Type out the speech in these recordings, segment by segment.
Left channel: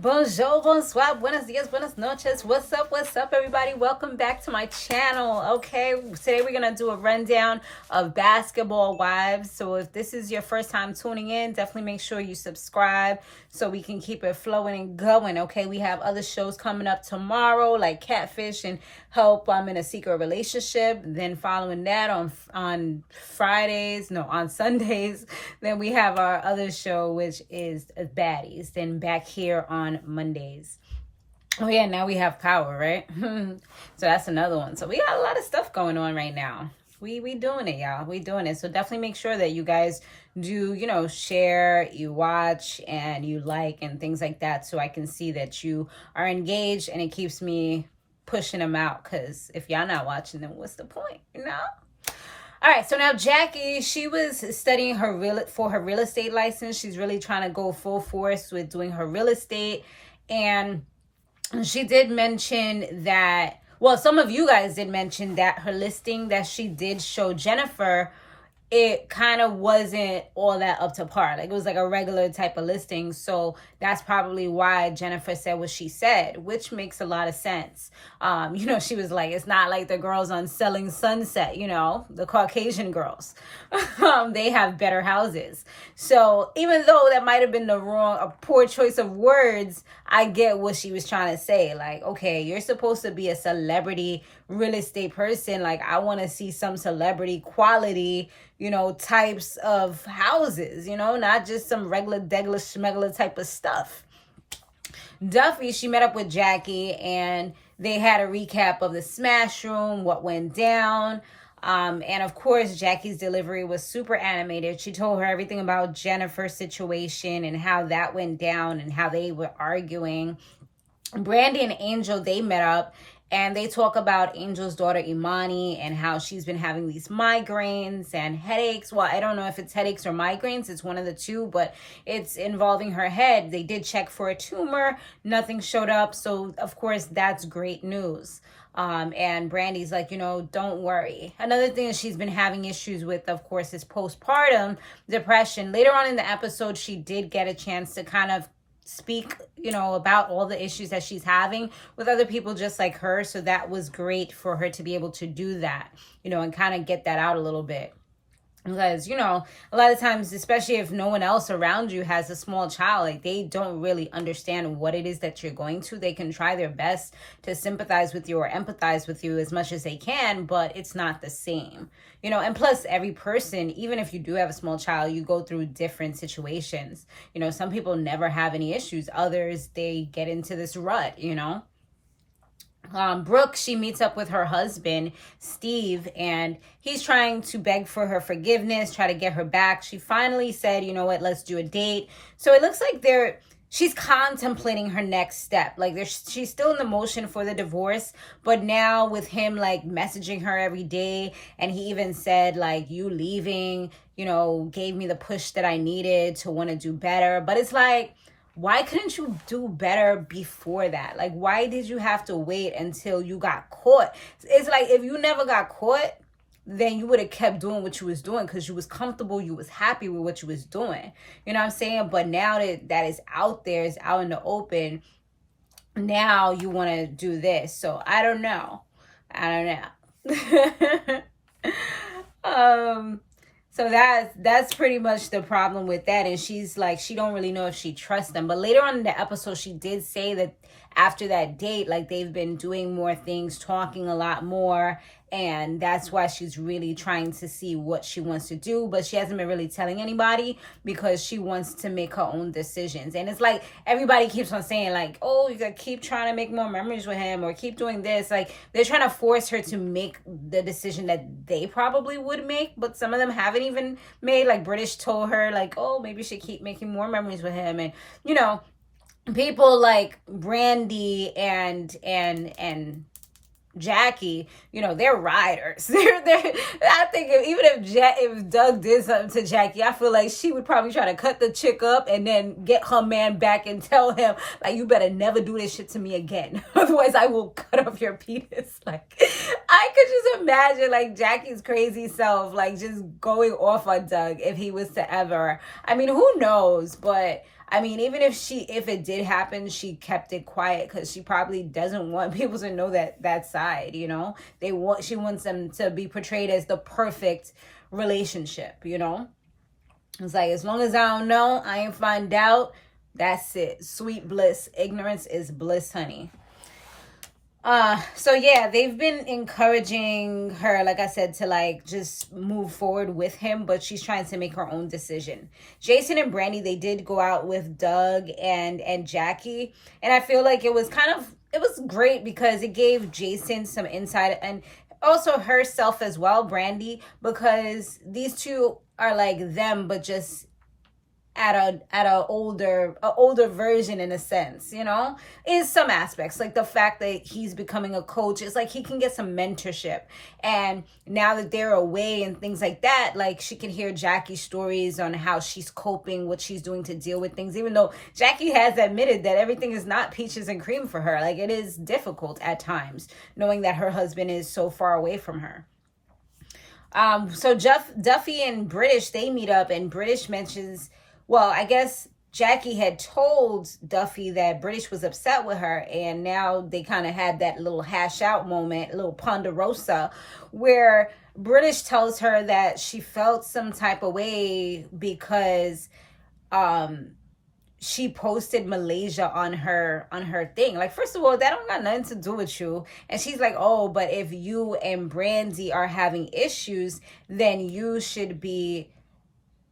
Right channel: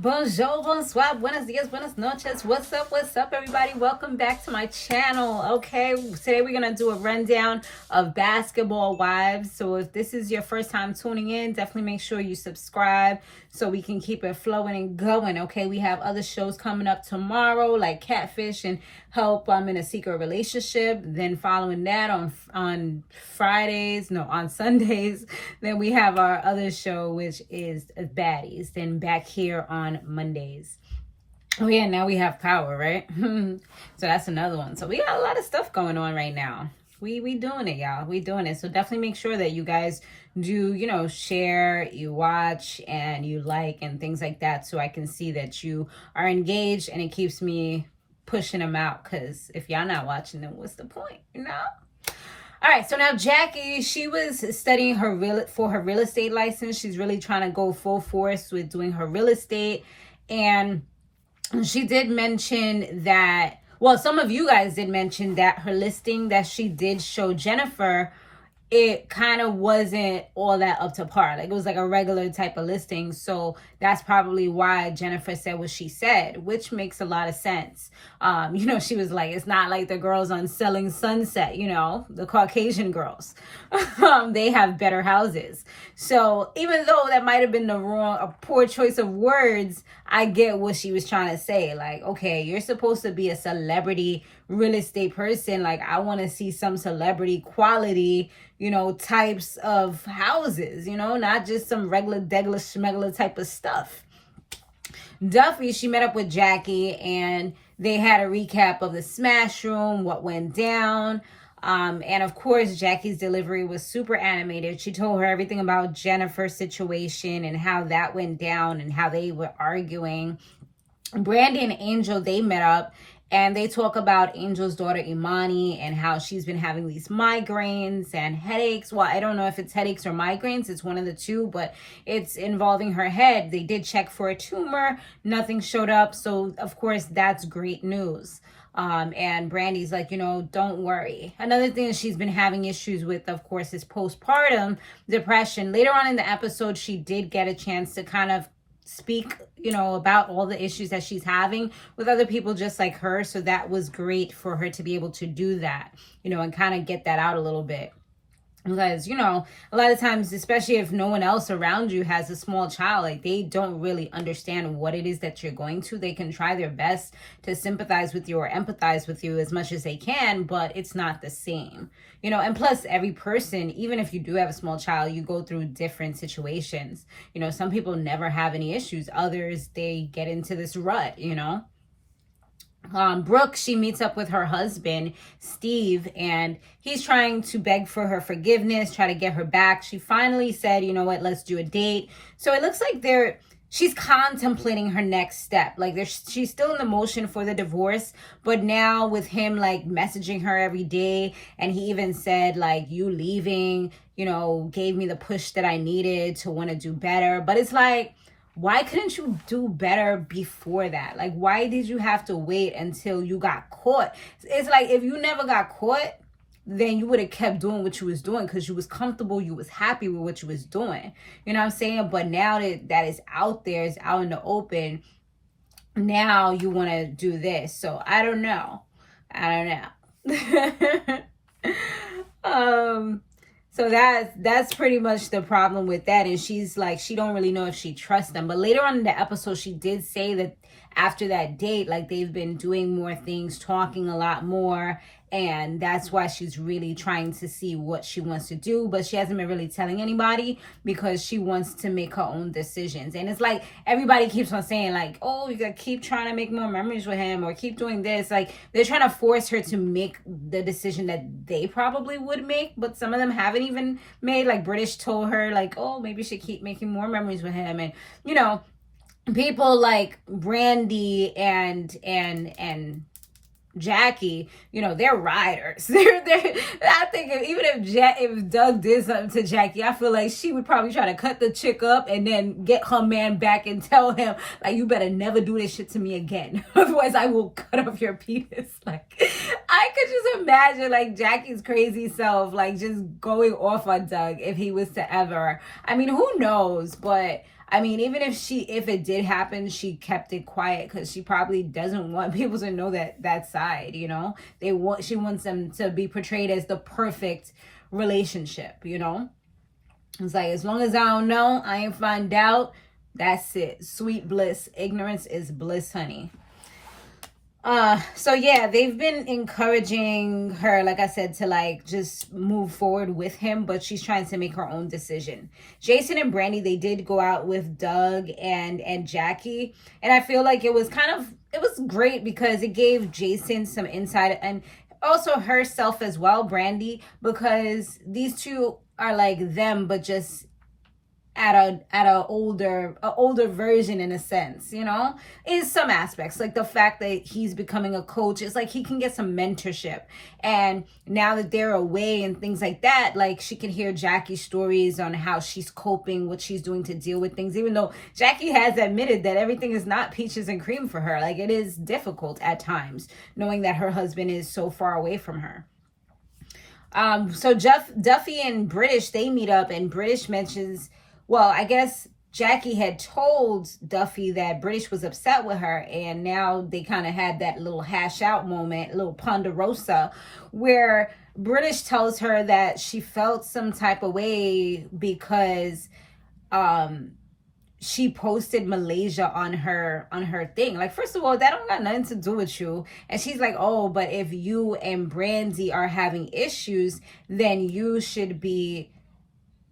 Bonjour, bonsoir, buenos dias, buenas noches. What's up, everybody? Welcome back to my channel. Okay, today we're gonna do a rundown of Basketball Wives. So if this is your first time tuning in, definitely make sure you subscribe so we can keep it flowing and going. Okay, we have other shows coming up tomorrow, like Catfish and Help I'm in a Secret Relationship. Then following that on Sundays, then we have our other show, which is Baddies. Then back here on Mondays. Oh yeah, now we have Power, right? So that's another one. So we got a lot of stuff going on right now. We doing it, y'all. We doing it. So definitely make sure that you guys do, share, you watch, and you like, and things like that, so I can see that you are engaged, and it keeps me pushing them out, because if y'all not watching, then what's the point, All right, so now Jackie, she was studying for her real estate license. She's really trying to go full force with doing her real estate. And she did mention that, well, some of you guys did mention that her listing that she did show Jennifer, it kind of wasn't all that up to par. Like, it was like a regular type of listing. So that's probably why Jennifer said what she said, which makes a lot of sense. She was like, it's not like the girls on Selling Sunset, the Caucasian girls. They have better houses. So even though that might have been a poor choice of words, I get what she was trying to say. Like, okay, you're supposed to be a celebrity real estate person. Like, I want to see some celebrity quality, types of houses, not just some regular degler schmegler type of stuff. Duffy, she met up with Jackie and they had a recap of the smash room, what went down. And of course, Jackie's delivery was super animated. She told her everything about Jennifer's situation and how that went down and how they were arguing. Brandi and Angel, they met up and they talk about Angel's daughter, Imani, and how she's been having these migraines and headaches. Well, I don't know if it's headaches or migraines. It's one of the two, but it's involving her head. They did check for a tumor. Nothing showed up. So, of course, that's great news. And Brandi's like, don't worry. Another thing that she's been having issues with, of course, is postpartum depression. Later on in the episode, she did get a chance to kind of speak, about all the issues that she's having with other people just like her. So that was great for her to be able to do that, and kind of get that out a little bit. Because, a lot of times, especially if no one else around you has a small child, like, they don't really understand what it is that you're going to. They can try their best to sympathize with you or empathize with you as much as they can, but it's not the same, and plus every person, even if you do have a small child, you go through different situations. Some people never have any issues. Others, they get into this rut, Brooke, she meets up with her husband, Steve, and he's trying to beg for her forgiveness, try to get her back. She finally said, you know what, let's do a date. So it looks like she's contemplating her next step. Like, she's still in the motion for the divorce, but now with him, like, messaging her every day, and he even said, like, you leaving, gave me the push that I needed to want to do better. But it's like, why couldn't you do better before that? Like, why did you have to wait until you got caught? It's like, if you never got caught, then you would have kept doing what you was doing because you was comfortable, you was happy with what you was doing. You know what I'm saying? But now that is out there, it's out in the open, now you want to do this. So I don't know. So that's pretty much the problem with that. And she's like, she don't really know if she trusts them. But later on in the episode, she did say that after that date, like, they've been doing more things, talking a lot more. And that's why she's really trying to see what she wants to do. But she hasn't been really telling anybody because she wants to make her own decisions. And it's like, everybody keeps on saying, like, oh, you gotta keep trying to make more memories with him or keep doing this. Like, they're trying to force her to make the decision that they probably would make. But some of them haven't even made. Like, British told her, like, oh, maybe you should keep making more memories with him. And, people like Brandi and Jackie, they're riders. I think if Doug did something to Jackie, I feel like she would probably try to cut the chick up and then get her man back and tell him, like, you better never do this shit to me again. Otherwise, I will cut off your penis. Like, I could just imagine, like, Jackie's crazy self, like, just going off on Doug if he was to ever. I mean, who knows? But I mean, even if it did happen, she kept it quiet because she probably doesn't want people to know that side, you know? She wants them to be portrayed as the perfect relationship, you know? It's like, as long as I don't know, I ain't find out, that's it. Sweet bliss. Ignorance is bliss, honey. So yeah, they've been encouraging her, like I said, to like just move forward with him, but she's trying to make her own decision. Jason and Brandi, they did go out with Doug and Jackie, and I feel like it was great because it gave Jason some insight, and also herself as well, Brandi, because these two are like them, but just at a older version, in a sense, you know, in some aspects. Like the fact that he's becoming a coach, it's like he can get some mentorship, and now that they're away and things like that, like she can hear Jackie's stories on how she's coping, what she's doing to deal with things, even though Jackie has admitted that everything is not peaches and cream for her. Like, it is difficult at times knowing that her husband is so far away from her. So Duffy and British, they meet up, and British mentions, well, I guess Jackie had told Duffy that British was upset with her, and now they kind of had that little hash out moment, a little ponderosa, where British tells her that she felt some type of way because she posted Malaysia on her thing. Like, first of all, that don't got nothing to do with you. And she's like, oh, but if you and Brandi are having issues, then you should be,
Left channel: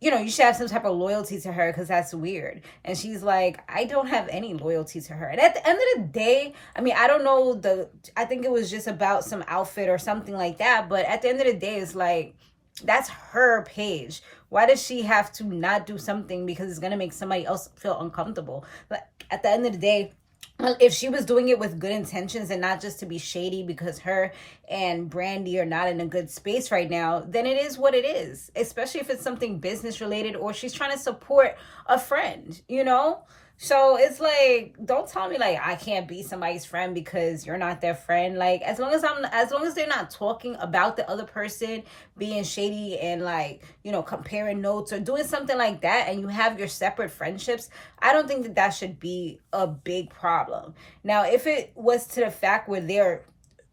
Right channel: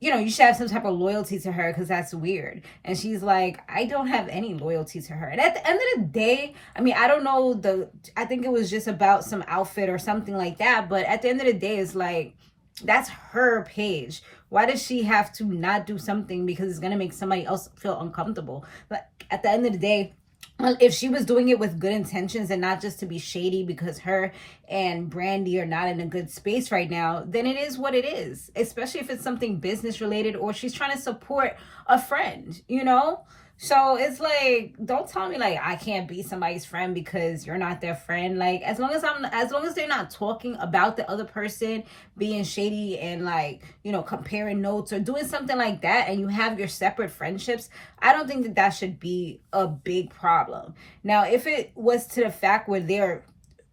you know, you should have some type of loyalty to her, because that's weird. And she's like, I don't have any loyalty to her. And at the end of the day, I mean, I don't know, I think it was just about some outfit or something like that. But at the end of the day, it's like, that's her page. Why does she have to not do something because it's going to make somebody else feel uncomfortable? Like, at the end of the day, well, if she was doing it with good intentions and not just to be shady because her and Brandi are not in a good space right now, then it is what it is. Especially if it's something business related, or she's trying to support a friend, you know? So it's like, don't tell me like I can't be somebody's friend because you're not their friend. Like, as long as they're not talking about the other person being shady and like, you know, comparing notes or doing something like that, and you have your separate friendships, I don't think that should be a big problem. Now, if it was to the fact where they're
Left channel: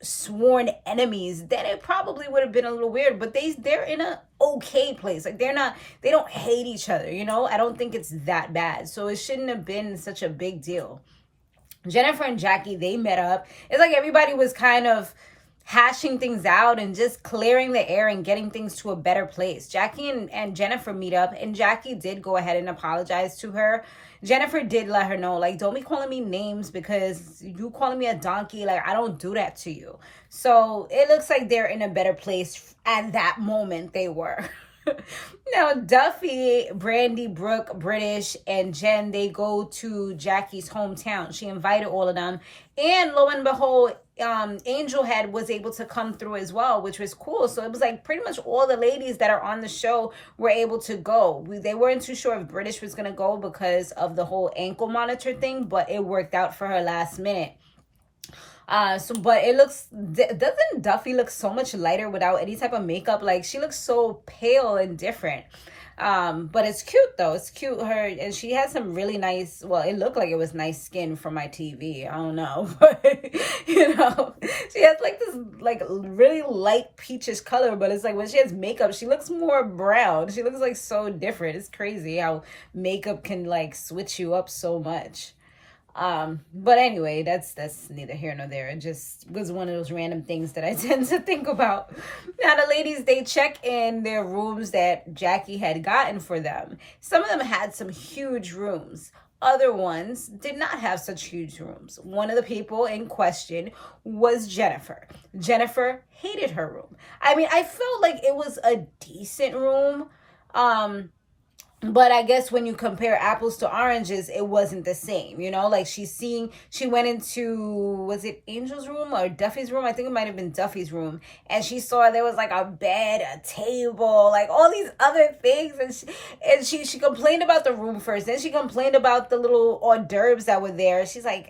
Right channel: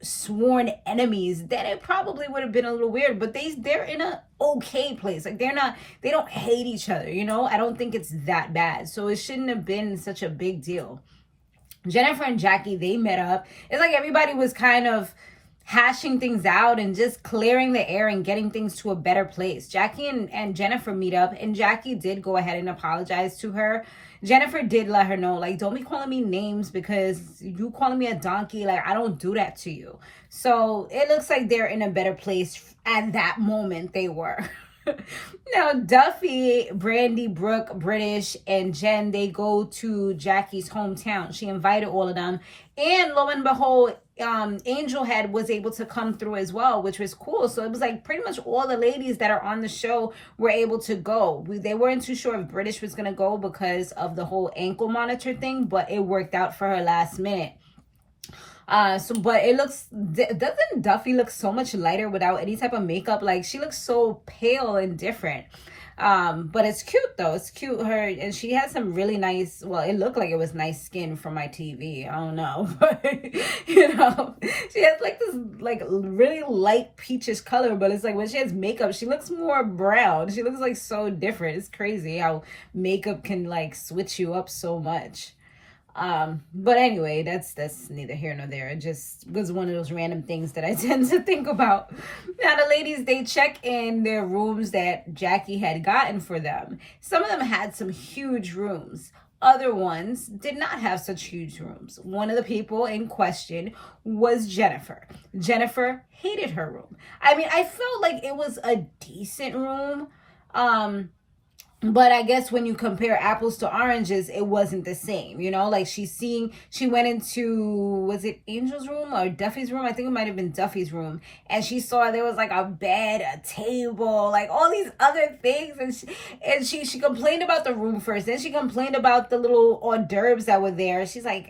sworn enemies, then it probably would have been a little weird, but they're in a okay place. Like, they don't hate each other, you know? I don't think it's that bad, so it shouldn't have been such a big deal. Jennifer and Jackie, they met up. It's like everybody was kind of hashing things out and just clearing the air and getting things to a better place. Jackie and Jennifer meet up, and Jackie did go ahead and apologize to her. Jennifer did let her know, like, don't be calling me names because you calling me a donkey. Like, I don't do that to you. So it looks like they're in a better place at that moment. They were. Now, Duffy, Brandi, Brooke, British, and Jen, they go to Jackie's hometown. She invited all of them. And lo and behold, Angel was able to come through as well, which was cool. So it was like pretty much all the ladies that are on the show were able to go. They weren't too sure if British was going to go because of the whole ankle monitor thing, but it worked out for her last minute. But doesn't Duffy look so much lighter without any type of makeup? Like, she looks so pale and different. But it's cute though. It's cute. And she has some really nice, well, it looked like it was nice skin from my TV. I don't know, but you know, she has like this like really light peachish color, but it's like when she has makeup, she looks more brown. She looks like so different. It's crazy how makeup can like switch you up so much. But anyway, that's neither here nor there. It just was one of those random things that I tend to think about. Now, the ladies, they check in their rooms that Jackie had gotten for them. Some of them had some huge rooms. Other ones did not have such huge rooms. One of the people in question was Jennifer. Jennifer hated her room. I mean, I felt like it was a decent room. But I guess when you compare apples to oranges, it wasn't the same, you know? Like, she went into, was it Angel's room or Duffy's room? I think it might have been Duffy's room. And she saw there was like a bed, a table, like all these other things. And she complained about the room first. Then she complained about the little hors d'oeuvres that were there. She's like,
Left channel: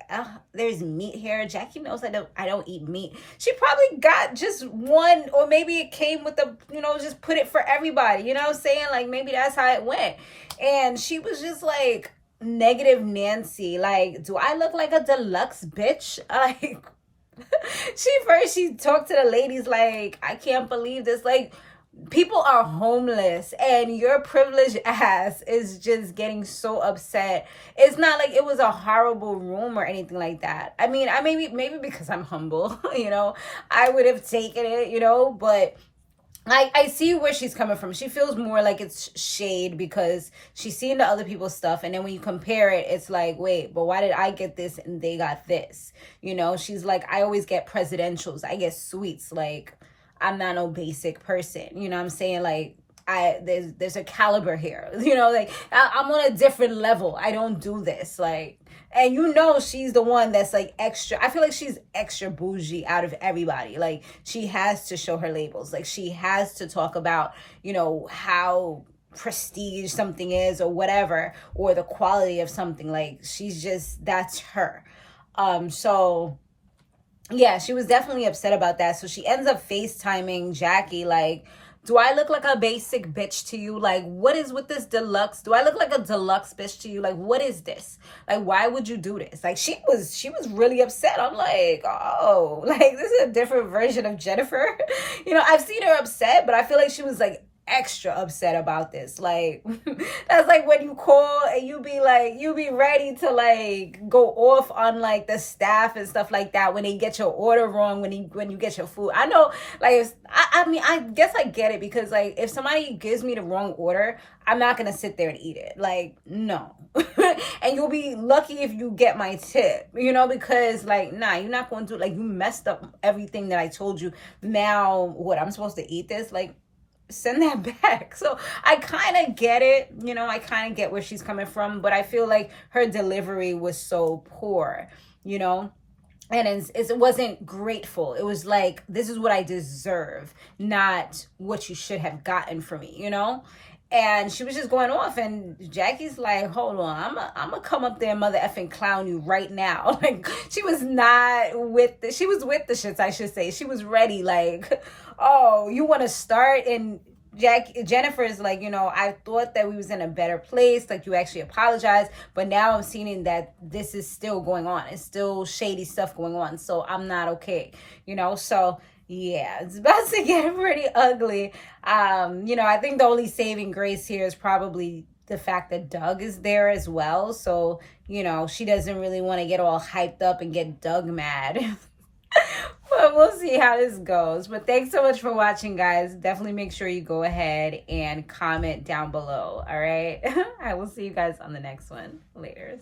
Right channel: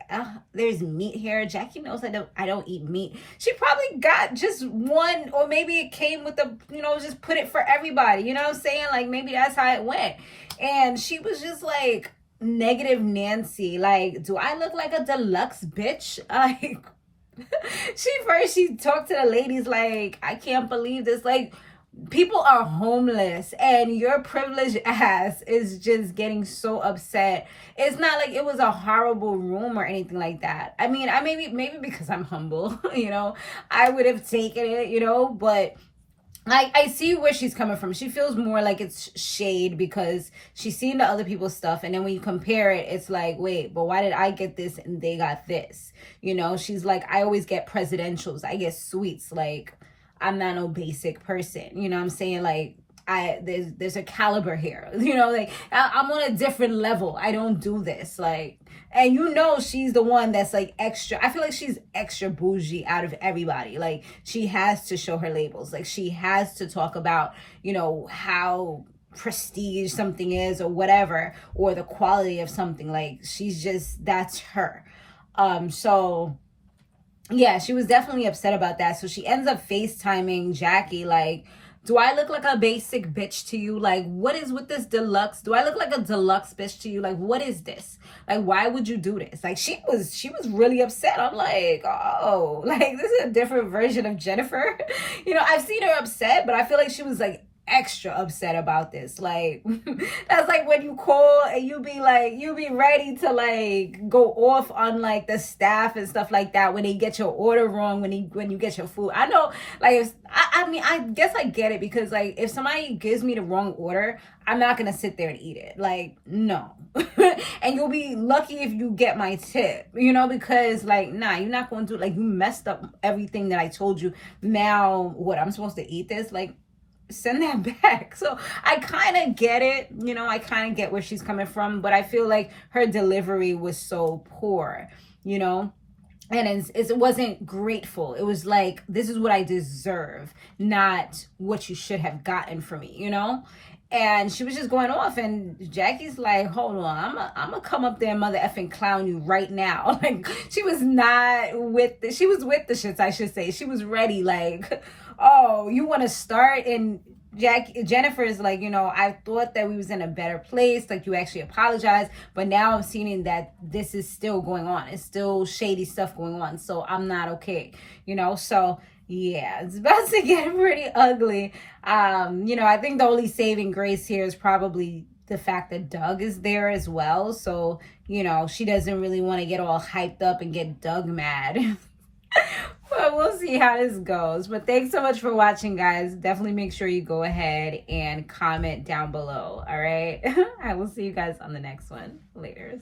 there's meat here. Jackie knows I don't eat meat. She probably got just one, or maybe it came with the, you know, just put it for everybody. You know what I'm saying? Like, maybe that's how it went. And she was just like, negative Nancy. Like, do I look like a deluxe bitch? Like, she talked to the ladies like, I can't believe this. Like, people are homeless and your privileged ass is just getting so upset. It's not like it was a horrible room or anything like that. I mean, I maybe because I'm humble, you know, I would have taken it, you know, but I see where she's coming from. She feels more like it's shade because she's seen the other people's stuff. And then when you compare it, it's like, wait, but why did I get this and they got this? You know, she's like, I always get presidentials. I get suites. Like, I'm not no basic person. You know what I'm saying? Like, there's a caliber here. You know, like, I'm on a different level. I don't do this. Like, and you know she's the one that's like extra. I feel like she's extra bougie out of everybody. Like, she has to show her labels. Like, she has to talk about, you know, how prestige something is or whatever, or the quality of something. Like, she's just, that's her. So yeah, she was definitely upset about that. So she ends up FaceTiming Jackie like, do I look like a basic bitch to you? Like, what is with this deluxe? Do I look like a deluxe bitch to you? Like, what is this? Like, why would you do this? Like, she was really upset. I'm like, oh, like, this is a different version of Jennifer. You know, I've seen her upset, but I feel like she was like extra upset about this. Like, that's like when you call and you be ready to like go off on like the staff and stuff like that when they get your order wrong, when you get your food. I know, like, I mean, I guess I get it, because like if somebody gives me the wrong order, I'm not gonna sit there and eat it. Like, no. And you'll be lucky if you get my tip, you know, because like, nah, you're not going to, like, you messed up everything that I told you. Now what, I'm supposed to eat this? Like, send that back. So I kind of get it, you know, I kind of get where she's coming from, but I feel like her delivery was so poor, you know, and it wasn't grateful. It was like, this is what I deserve, not what you should have gotten from me, you know. And she was just going off, and Jackie's like, hold on, I'm gonna come up there and mother effing clown you right now. Like, she was not with she was with the shits, I should say. She was ready, like, oh, you want to start? And Jennifer is like, you know, I thought that we was in a better place, like, you actually apologized, but now I'm seeing that this is still going on. It's still shady stuff going on, so I'm not okay, you know. So yeah, it's about to get pretty ugly. You know, I think the only saving grace here is probably the fact that Doug is there as well. So, you know, she doesn't really want to get all hyped up and get Doug mad. But we'll see how this goes. But thanks so much for watching, guys. Definitely make sure you go ahead and comment down below. All right. I will see you guys on the next one. Later.